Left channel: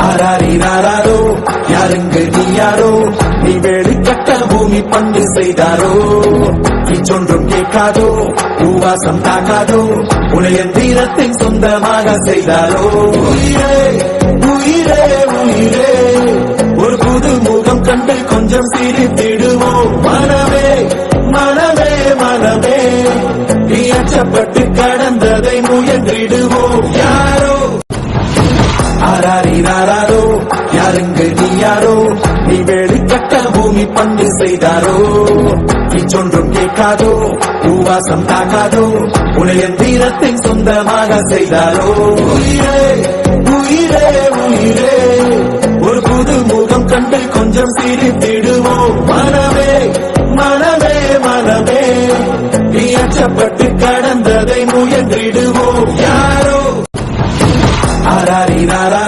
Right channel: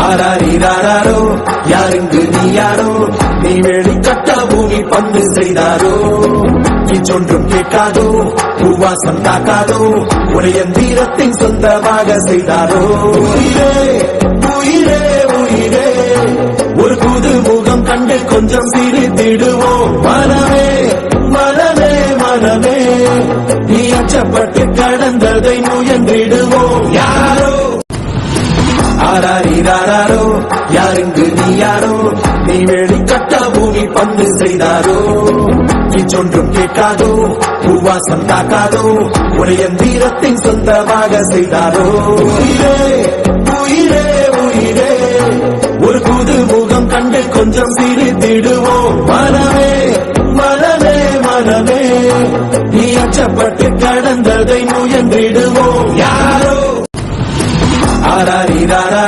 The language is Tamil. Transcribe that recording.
ஆராரினாரோ யாருங்கு நீ யாரோ நீ வேலி கட்ட பூமி பந்து செய்தாரோ சொன்றும் கேட்காதோ பூவாசம் தாக்காதோ உலகின் தீரத்தை சொந்தமாக செய்தாரோ உயிரே உயிரே உயிரே ஒரு புது முகம் கண்டு கொஞ்சம் சிரித்திடுவோம் மனமே மனமே மனமே நீ அச்சப்பட்டு கடந்ததை முயன்றிடுவோம் யாரோ ஆராரினாரோ யாருங்கு நீ யாரோ நீ வேலி கட்ட பூமி பந்து செய்தாரோ சொன்றும் கேட்காதோ பூவாசம் தாக்காதோ உலகின் தீரத்தை சொந்தமாக செய்தாரோ உயிரே உயிரே உயிரே ஒரு புது முகம் கண்டு கொஞ்சம் சிரித்திடுவோம் மனமே மனமே மனமே நீ அச்சப்பட்டு கடந்ததை முயன்றிடுவோம் யாரோ ஆராரினாரோ